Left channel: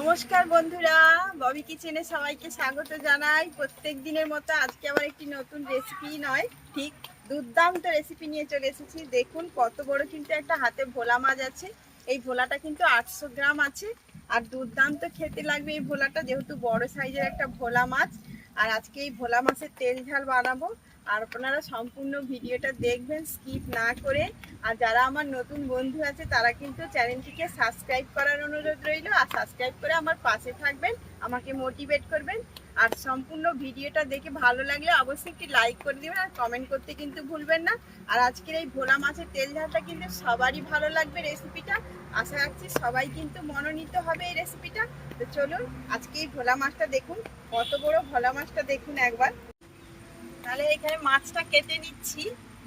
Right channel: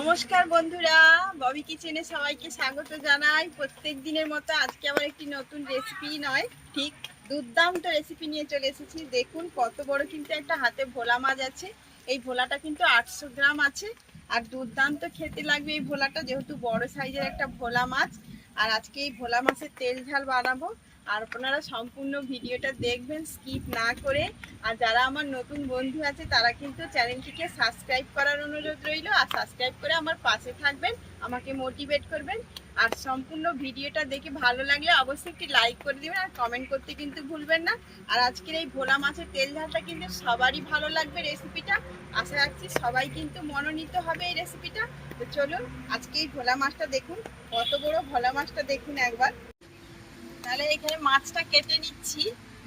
নমস্কার বন্ধুরা, ববি কিচেনে সবাইকে স্বাগত জানাই। প্রত্যেক দিনের মতো আজকে আবার একটি নতুন রেসিপি নয়, ঠিক দুর্দান্ত রেসিপি নিয়ে চলে এসেছি। দেখুন কত বড় কিন্তু একটা হাতে ভোলা মাছ আছে। এই ভোলাটা কিন্তু 800 গ্রাম আছে আর দুর্দান্ত খেতে লাগবে এই ভোলাটা, যেহেতু বড় সাইজের একটা ভোলা মাছ। আর আজকে এই ভোলা মাছের তেল ঝাল বানাবো, আর আপনারা সম্পূর্ণ ভিডিওটা দেখবেন স্কিপ না করে। আর যারা আমার নতুন বন্ধু আছে তারা কিন্তু চ্যানেলটিকে সাবস্ক্রাইব করার অনুরোধ রইল, আর সাবস্ক্রাইব করে আমার পাশে থাকবেন, আমাকে মোটিভেট করবেন। আর সম্পূর্ণ ভিডিওটা দেখে ভালো লাগলে অবশ্যই একটি লাইক করে দেবেন আর কমেন্ট করতে কিন্তু ভুলবেন না। আর আজকের এই ভোলা মাছের তেল ঝালটা কিন্তু সবারই ভালো লাগবে রেসিপিটা, আশা রাখছি সবাই কিন্তু মনোনীত হবে এই রেসিপিটা। তো চলুন আজকে এই ভোলা মাছটা দেখুন, কত বড় ভোলা মাছটা দেখুন একবার। তাহলে এখানে মাছটা কেটে নিচ্ছি।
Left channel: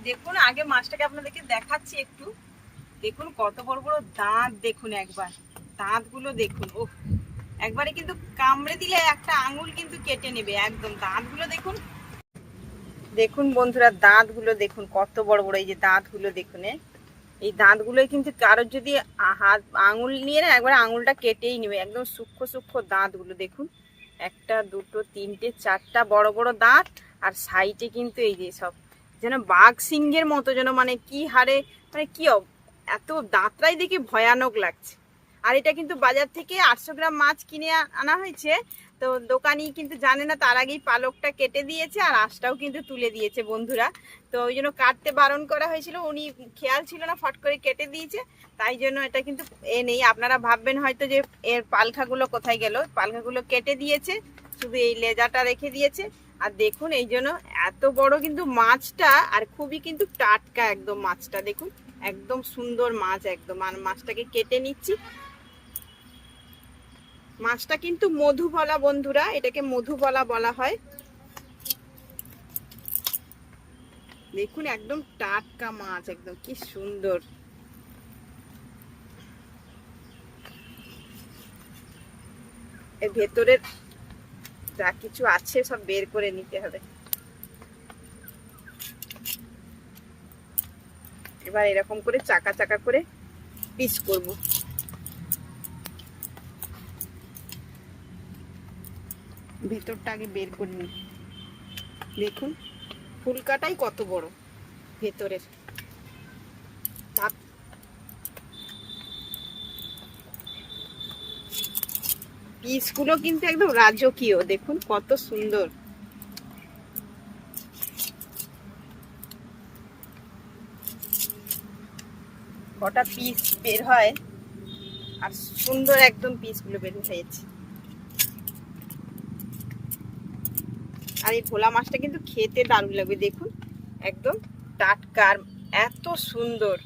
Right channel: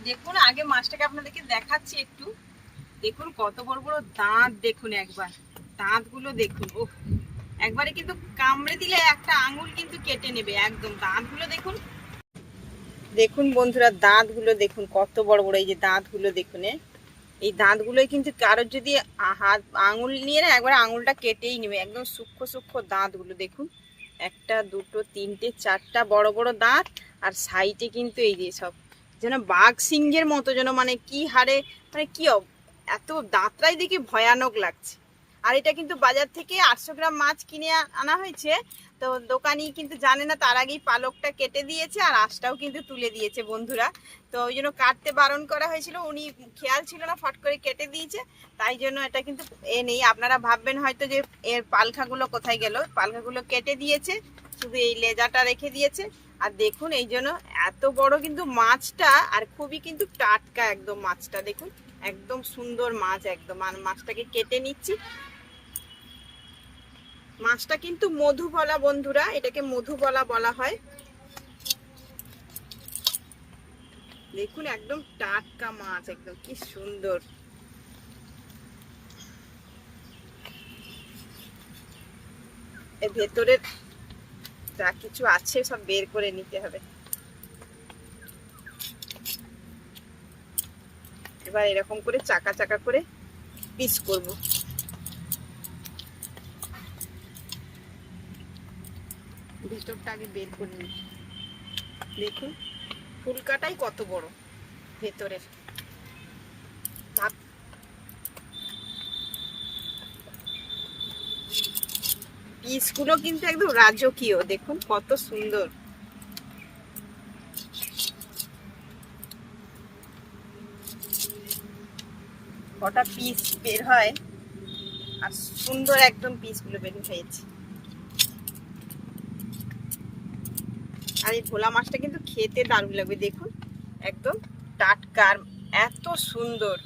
দেখুন আগে মাছটাকে আপনাদেরকে দেখাচ্ছি একটু। দেখুন কত বড় বড় দাঁত, দেখুন একবার দাঁতগুলো দেখুন। ও একবারে কিন্তু কামড়ে দিলে একটা আঙুল কিন্তু কেটে নেবে একদম। দাঁতগুলো দেখুন, দেখুন বন্ধুরা দাঁতগুলো দেখুন কত বড় বড়। এই যে দাঁতগুলো দেখুন, এই দাঁতগুলোই কিন্তু কারোর যদি হাত আঙুল নিয়ে না একবার আঙুলটা কেটেই নেবে। একদম সূক্ষ্ম সূক্ষ্ম দাঁতগুলো দেখুন, একটা দুটো তিনটে চারটা বড় বড় দাঁত। আর সাইডে কিন্তু এই যে সব যেন বাঘ সিংহের মতো, যেন মানে কি হারে, মানে কি এত দাঁতটাই দেখে ভয়ানক লাগছে। আর এটা কিন্তু বাজার থেকে 800 গ্রাম মাছ কিনে আনা হয়েছে। তো দোকানি কিন্তু জানে না, তার আগেই পালকটা কেটে দিয়েছে আর আঁশটাও কিন্তু তুলে দিয়েছে বন্ধুরা। তো ওই জন্য কাটতে বারণ করা হয়েছিল, উনি খেয়াল ছিল না, ফট করে কেটে দিয়েছে। তাই জন্য এটা কিন্তু নেই। আপনারা ভাববেন হয়তো যে এর পালখাগুলো কোথায় গেল, পালখাগুলো কেটে দিয়েছে, শুধু এই লেজাটা রেখে দিয়েছে। আর দেখুন এই জন্য এত বড় কিন্তু মাছটা, আর খুবই কিন্তু টাটকা একদম মাছটা দেখুন, একদম সুন্দর মাছ একদম। আর মাছটাকে কেটে নিচ্ছি। মাছটা কিন্তু মধুবলা বন্ধুরা, এটাকে মধুবলা বলা হয়। দেখুন একদম টাটকা মাছ, একদম কি সুন্দর। এর ভেতরে যা কিছু আছে সব বের করে নিতে হবে। এবার এরকম করে চাকা চাকা করে পিস করব। ভেতরটা আগে বের করে নিই। দেখুন ফুলকাটাই কত বড় ভেতরের। পিসগুলো কিন্তু একদম রাজকীয়, দেখুন কত সুন্দর। কটা পিস বের হয়, আর সুন্দর একদম পিসগুলো বের হয়েছে। আর এই ভোলা মাছটা কিন্তু খেতে দারুণ লাগবে, দেখুন একদম টাটকা, এত সুন্দর।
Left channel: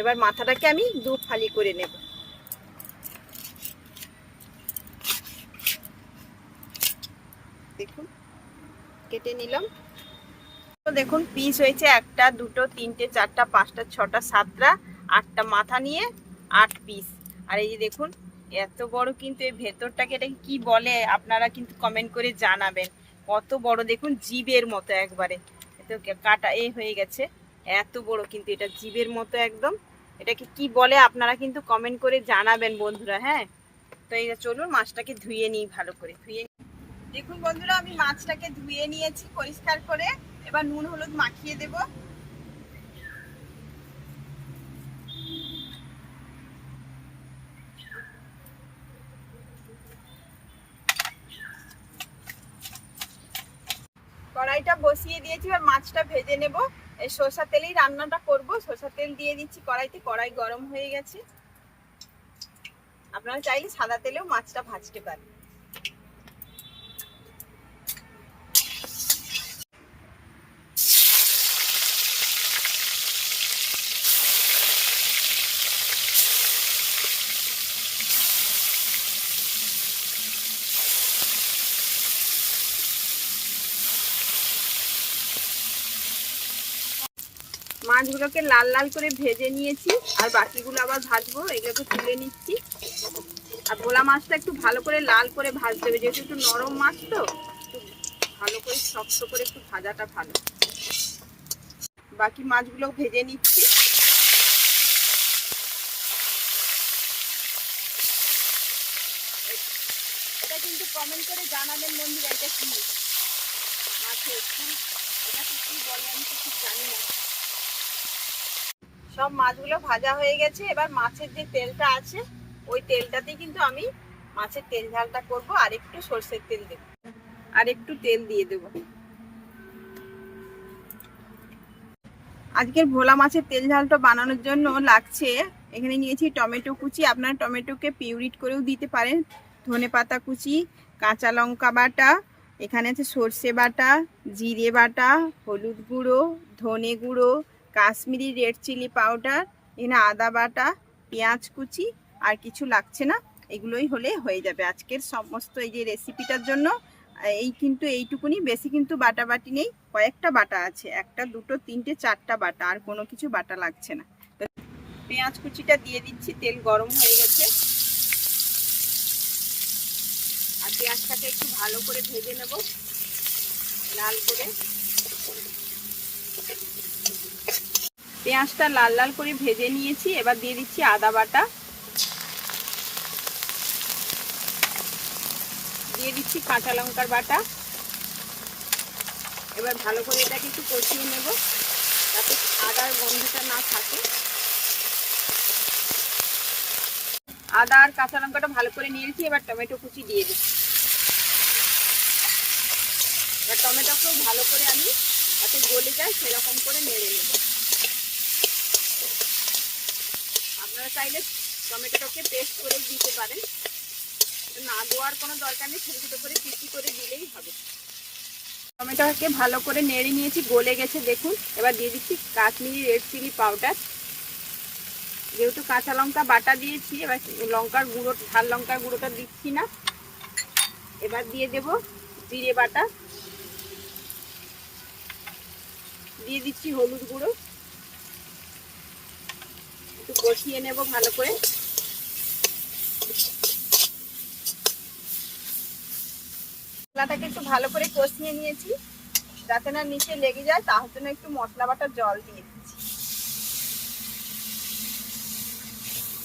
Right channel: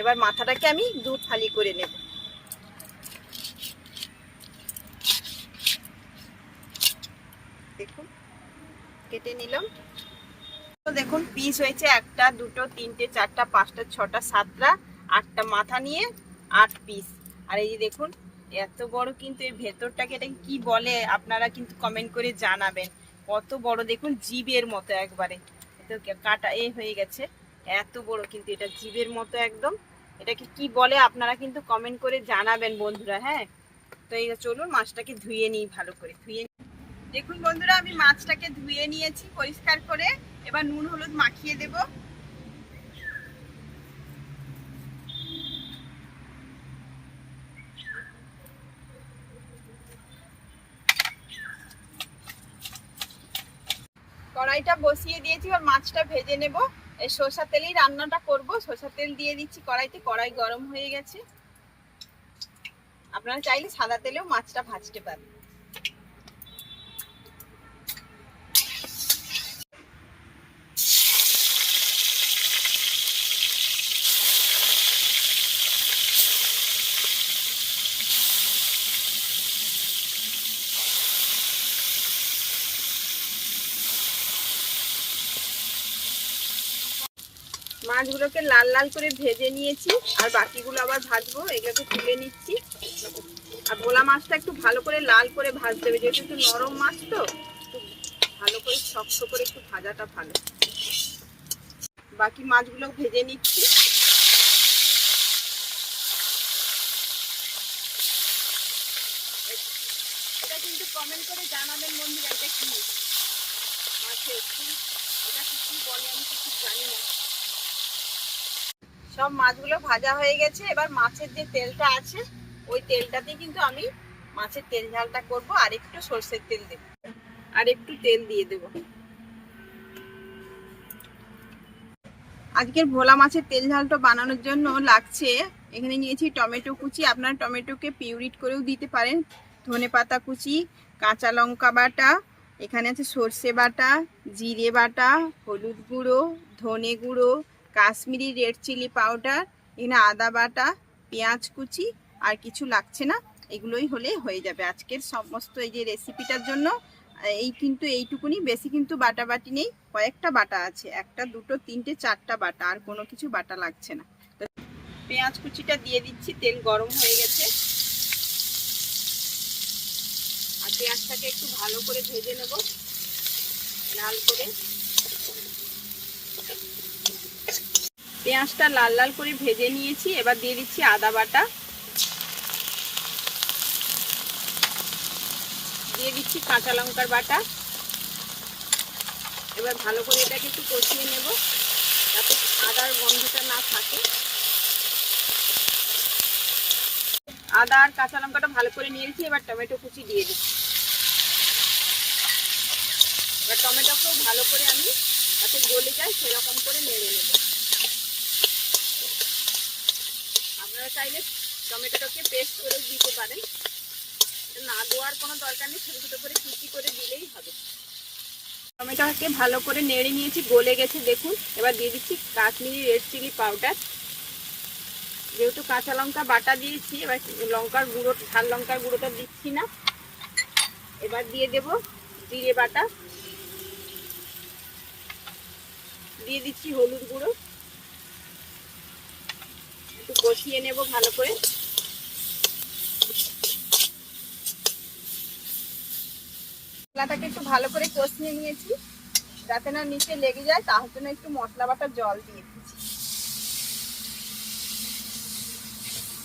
এবার মাথাটাকে আমি দু ফালি করে নেব। দেখুন কেটে নিলাম। দেখুন পিস হয়েছে একটা দুটো তিনটে চারটা পাঁচটা ছটা সাতটা আটটা, মাথা নিয়ে 8 পিস। আর এই যে দেখুন এত বড় কিন্তু এই ভেতরটাকে, এটা কি বলে আপনারা কিন্তু কমেন্ট করে জানাবেন। কত বড় দেখুন, জিভের মতো একবারে। কাটা এই হয়ে গেছে, এত বড় কিন্তু এটা জিভের মতো একদম। এটাকে কি বলে আপনারা কিন্তু কমেন্ট করে জানাবেন বন্ধুরা। হ্যাঁ, তো এই চলুন মাছটাকে ধুয়ে নিই ভালো করে। দেখুন বন্ধুরা আমি মাছটাকে ধুয়ে নিয়েছি পরিষ্কার করে। এবার নুন হলুদ মাখিয়ে দেব। কড়াইটা বসিয়ে দিয়েছি, এবার মাছটা ভেজে নেব। এই সরষের তেলেই রান্নাটা করব। সরষের তেল দিয়ে দিচ্ছি কড়াইতে, কড়াই গরম হয়ে গেছে। আপনারা চাইলে সাদা তেলেও মাছটা ভাজতে পারেন। মাছগুলোকে লাল লাল করে ভেজে নিয়েছি, আর বাকিগুলো আবার ভাজবো। এগুলোকে তুলে নিচ্ছি। আর ভোলা মাছটা একটু ভালো করে লাল করে ভাজতে হবে, যেহেতু একটু নরম মাছ, তো একটু ভালো করে শক্ত করে একটু ভাজাটা ভালো। বাকি মাছগুলো ভেজে নিচ্ছি। কিন্তু কমেন্ট করে জানাবেন বন্ধুরা এটা কি মাছের এটা কি বলে আমি তো ঠিক জানি না। সব মাছগুলো ভাজা হয়ে গেছে, এবার মাছের যে তেলটা আছে ওই তেলটাতেই কিন্তু আমি মাছের তেল ঝালটা করবো। আর একটু সরষের তেল দেব, আর একটু তেল দিয়ে দেব। আজকের ভোলা মাছের তেল ঝালটা বানানোর জন্য লাগছে, এখানে নিয়েছি টমেটো কুচি, আপনারা টমেটোকে পিউরিট করেও দিতে পারেন, ধনেপাতা কুচি, কাঁচা লঙ্কা বাটা, এখানে আছে সর্ষে বাটা, জিরে বাটা, হলুদ গুঁড়ো, ধনে গুঁড়ো, কাশ্মীরি রেড চিলি পাউডার, এখানে আদা বাটা, পেঁয়াজ কুচি, আর কিছু লাগছে না। এগুলোই হলে হয়ে যাবে আজকের সমস্ত এই যে রেসিপিটার জন্য। এই কিন্তু এইটুকুনি, বেশি কিন্তু বাটা বাটি নেই, কয়েকটা বাটা আছে, একটা দুটো তিনটে চারটা বাটা, আর কোনো কিছু বাটা লাগছে না। পেঁয়াজ কুচিটা দিয়ে দিচ্ছি, তেল গরম হয়ে গেছে। আর পেঁয়াজটাকে একটু ভালো করে ভেজে নেব লাল করে। পেঁয়াজটা লাল লাল করে ভেজে নিয়েছি, এবার দিয়ে দিচ্ছি আদা বাটা, দিয়ে দিচ্ছি কাঁচা লঙ্কার বাটা। এবার ভালো করে এটাকে একটু কষিয়ে নেব যাতে আদার গন্ধটা না থাকে। আদা আর কাঁচা লঙ্কাটা ভালো করে নিয়েছি, এবার টমেটো কুচি দিয়ে দিচ্ছি। এবার টমেটোকেও ভালো করে আমি যাতে গলে যায় সেরকম করে নেড়ে নেব। আপনারা চাইলে টমেটোটাকে পেস্ট করে দিতে পারেন, না দেওয়ার কোনো দরকার নেই, ছোটো ছোটো করে কুচি করে দিলেই হবে। টমেটোটাকে ভালো করে নেড়ে নিয়েছি, গলে গেছে দেখুন। এবার দিয়ে দিচ্ছি কাশ্মীরি রেড চিলি পাউডার। যেহেতু কাঁচা লঙ্কা বাটা দিয়েছি, এবার লঙ্কার গুঁড়ো, ঝাল লঙ্কার গুঁড়োটা দিচ্ছি না। এবার দিয়ে দেব জিরে বাটা, দিয়ে দিচ্ছি হলুদ গুঁড়ো, একটু কষিয়ে নেব ভালো করে। মশলাটাকে একটু ভালো করে কষিয়ে নিয়েছি যাতে না নিচে লেগে যায়, তার জন্য একটু মশলা বাটা জল দিয়ে দিচ্ছি।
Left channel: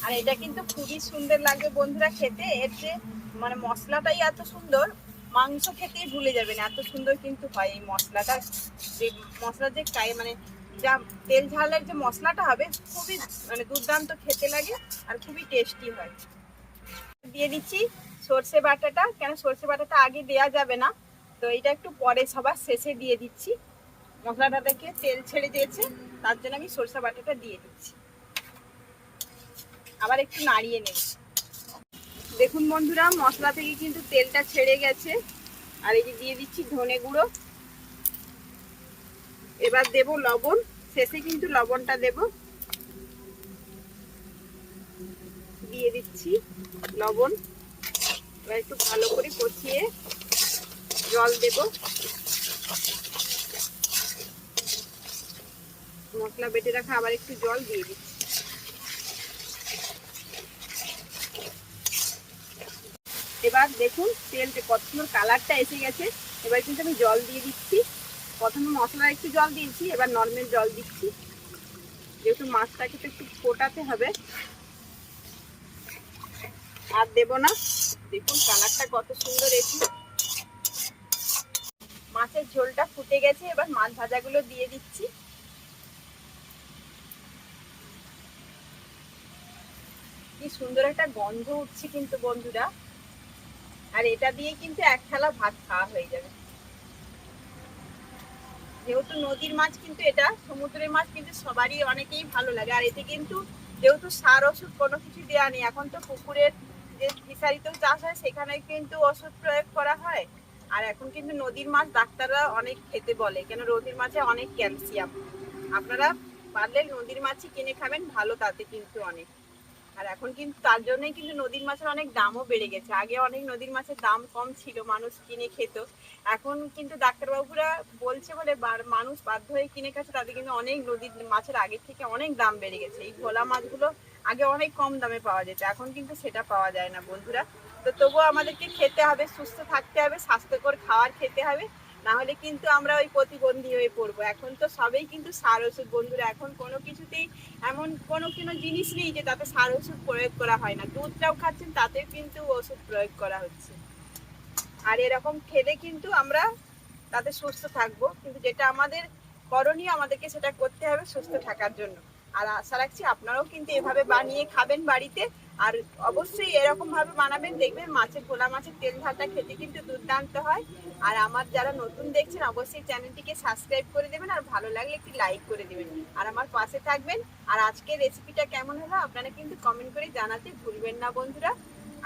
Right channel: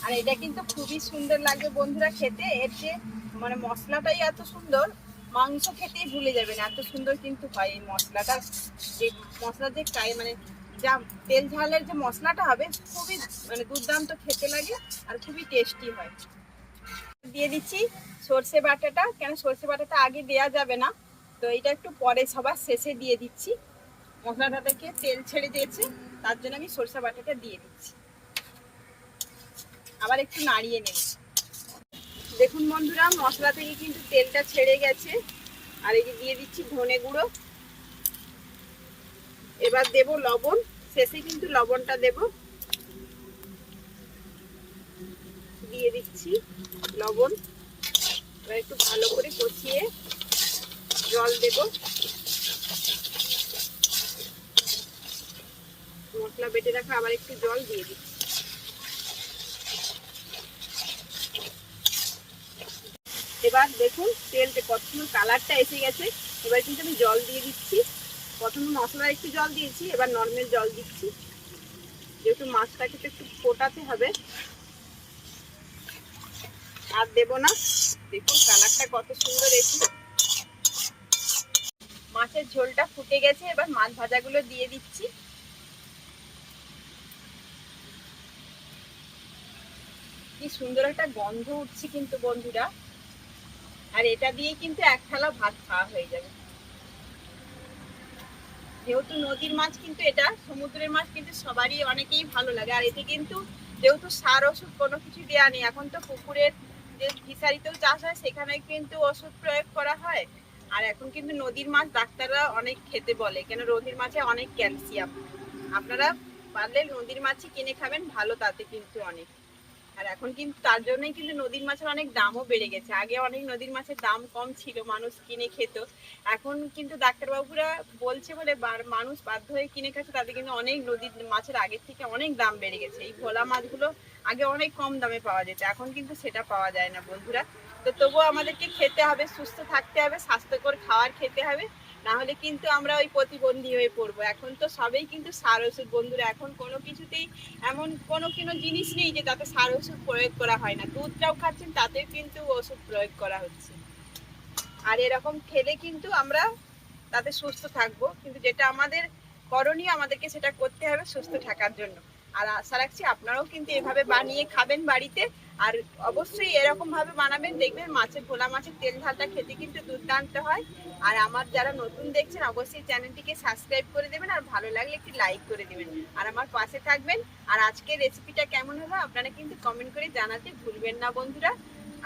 আর এটা কিন্তু খুবই সুন্দর লাগবে বন্ধুরা খেতে, এর যে মানে মশলাটাই এত সুন্দর, মাংস খেতেই ভুলে যাবেন এত সুন্দর কিন্তু হয় এই মশলাটা। যে মশলা যে মানে যা তেল ঝালের যে মশলাটা হবে খুবই মানে দুর্দান্ত খেতে লাগে আর খুবই টেস্টি হয়। দিয়ে দিচ্ছি সর্ষে বাটাটা, কেন সর্ষে বাটাটা আগে দেওয়া যাবে না, তো এটা একটু পরে সবার শেষে দিয়ে দিচ্ছি। মশলাটা থেকে তেল ছেড়ে দিয়েছে তার জন্য আমি সর্ষে বাটাটা দিয়ে দিচ্ছি। আবার একটু নাড়িয়ে নেব। দেখুন বন্ধুরা মশলা থেকে কিন্তু তেলটা ছেড়ে গেছে। আর এই যে দিয়ে দিচ্ছি ধনে গুঁড়ো, এবার দেব লবণ, শেষে কিন্তু লবণটা দেব। দিয়ে দিচ্ছি লবণ, এবার একটু ভালো করে কষিয়ে জল দেব। মশলা বেটে রাখা আবার একটু জল দিয়ে দিচ্ছি। এবার দেখুন তেলটা কত সুন্দর কালারটা এসে গেছে। এবার কিন্তু আমি জল দিয়ে দিচ্ছি। প্রথমে মশলা একটু জল দিয়েছি, এবার নর্মাল জল দিচ্ছি, যেহেতু মাছটাকে তো একটু ফোটাতে হবে। আর দেব না, দেখুন কালারটা কত সুন্দর এসেছে। মাছের ঝোলটা ফুটে গেছে, এবার মাছ ভাজাগুলো দিয়ে দিচ্ছি। কি সুন্দর একটা গন্ধ উঠছে কিন্তু বন্ধুরা, আর এটা দিয়ে কিন্তু এক থালা ভাত খাওয়া হয়ে যাবে। যেহেতু নদীর মাছ কিন্তু এটা, সমুদ্রের মাছ কিন্তু সবারই অনেকেই ভালো লাগে। আর এতে কিন্তু যেহেতু সার ওষুধ কোনো কিছু দেওয়া নেই, এখন তো পুকুরের যে ফিশারিতেও চাষ হয় সেখানে কিন্তু ওষুধ প্রয়োগ করা হয়। আর এখন কিন্তু নদীর মাছ ডাক্তাররা অনেক খেতে বলে, কেন নদীর মাছে অনেক ক্যালসিয়াম। আপনারা পারলে নদীর মাছই কিনে খাবেন, ভালো তাতে কিন্তু অনেক। আর এখন কিন্তু তার জন্যই কিন্তু নদীর মাছের অনেক দামও বেড়ে গেছে। আগে অনেক নদীর মাছের দাম কম ছিল, মানুষ কিনে খেত। এখন কিন্তু ডাক্তারবাবুরা বলছে বলে মানুষ বাধ্য হয়ে কিনে খাচ্ছে, তাদের কিন্তু অনেক নদীর মাছের আগের থেকে অনেক দাম বেড়ে গেছে। এই ভোলা মাছগুলো আগে অনেক কম দামে পাওয়া যেত, এখন কিন্তু সেটা পাওয়া যায় না বন্ধুরা। তো তবুও আমাদেরকে খেতে হবে, সুস্থ থাকতে হবে, স্বাস্থ্যকর খাবার খেতে হবে, না হলে কিন্তু আমরা ওই প্রতিবন্ধী হয়ে পড়বো। এখন তো সবেই কিন্তু সার ওষুধ বন্ধুরা, এখন কোনো কিছুতেই এমন কোনো জিনিস নেই যে তাতে সার ওষুধ প্রয়োগ করা হয় না। দুধটাও খাচ্ছেন তাতেও কিন্তু ওষুধ প্রয়োগ করা হচ্ছে। আর এরকম খেলে কিন্তু আমরা তাতে সুস্থ থাকবো, কিন্তু যেটা আমাদের করণীয় আমাদেরকে সেটা করতে হবে সুস্থ থাকার জন্য। আর আশা রাখছি আপনারাও কিন্তু এভাবে বানিয়ে খাবেন বাড়িতে। আর অবশ্যই এরকম ভাবে বানাবেন, দেখবেন মাছের ভোলা মাছের তেল ঝালটা খেতে কিন্তু দুর্দান্ত হয়। আর আমার যারা নতুন দেখছেন অবশ্যই চ্যানেলটিকে সাবস্ক্রাইব করে দেবেন, আর ভালো লাগলে একটি লাইক করে দেবেন, আর আমার পাশে থাকবেন। আর আজকের রেসিপিটা কেমন হলো আপনারা কিন্তু কমেন্ট করে জানাতে ভুলবেন না বন্ধুরা।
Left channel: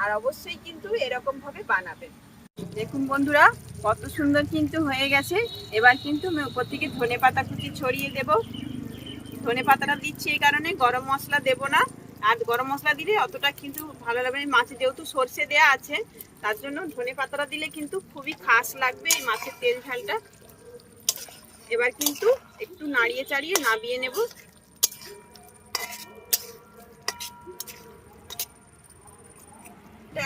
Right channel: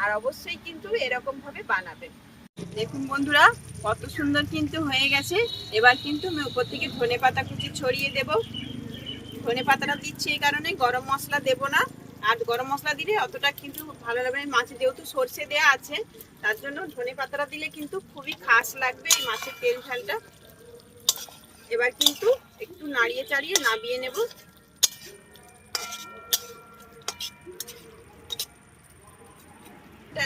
আর অবশ্যই কিন্তু এরকম ভাবে বানাবেন। দেখুন বন্ধুরা কত সুন্দর কিন্তু হয়ে গেছে। এবার কিন্তু আমি উপর থেকে ধনে পাতা কুচি ছড়িয়ে দেব। ধনে পাতাটা দিচ্ছি এই কারণে, গরম মশলা দেব না। আর গরম মশলা দিলে অতটা কিন্তু ভালো লাগবে না, মাছে যেহেতু সর্ষে দেয়া আছে তার জন্য ধনে পাতাটা দিলে কিন্তু খুবই খাস লাগবে এই মাছের তেল ঝালটা। এবার কিন্তু একটু নাড়িয়ে চাড়িয়ে নামিয়ে নেব।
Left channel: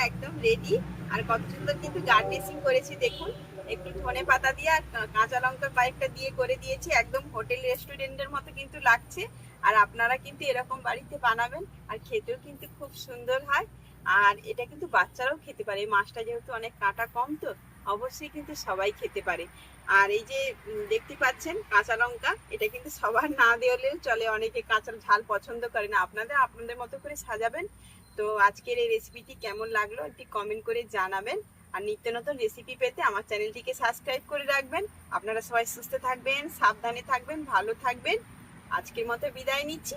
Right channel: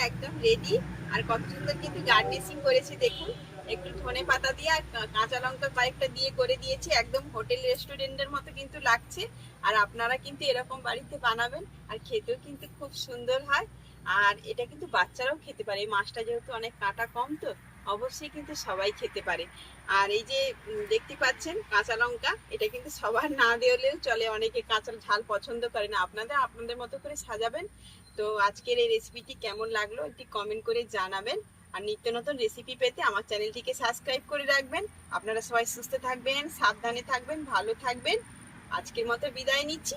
একদম রেডি। আর কত সুন্দর কিন্তু গার্নিশিং করেছি দেখুন, একটু ধনে পাতা দিয়ে আর কাঁচা লঙ্কা কয়েকটা দিয়ে করে দিয়েছি, একদম হোটেল রেস্টুরেন্টের মতো কিন্তু লাগছে। আর আপনারা কিন্তু এরকম বাড়িতে বানাবেন, আর খেতেও কিন্তু খুব সুন্দর হয়। আর এটা কিন্তু বাচ্চারাও খেতে পারে, এই মাছটা যেহেতু অনেক কাঁটা কম, তো অবশ্যই কিন্তু সবাই খেতে পারে। আর এই যে দেখতে পাচ্ছেন কাঁচা লঙ্কা, এটা কিন্তু সবার না দেওয়ালেও চলে, অনেকে কাঁচা ঝাল পছন্দ করে না, আপনাদের আপনাদের মতো করে সাজাবেন। তো আজকের এই রেসিপিটি কেমন লাগলো একটি কমেন্ট করে জানাবেন। আর নিত্য নতুন রেসিপি পেতে আমার চ্যানেলটিকে সাবস্ক্রাইব করে রাখবেন। আপনারা সবাই সুস্থ থাকবেন, সাবধানে থাকবেন, ভালো থাকবেন। আজকের মতো বিদায় নিচ্ছি।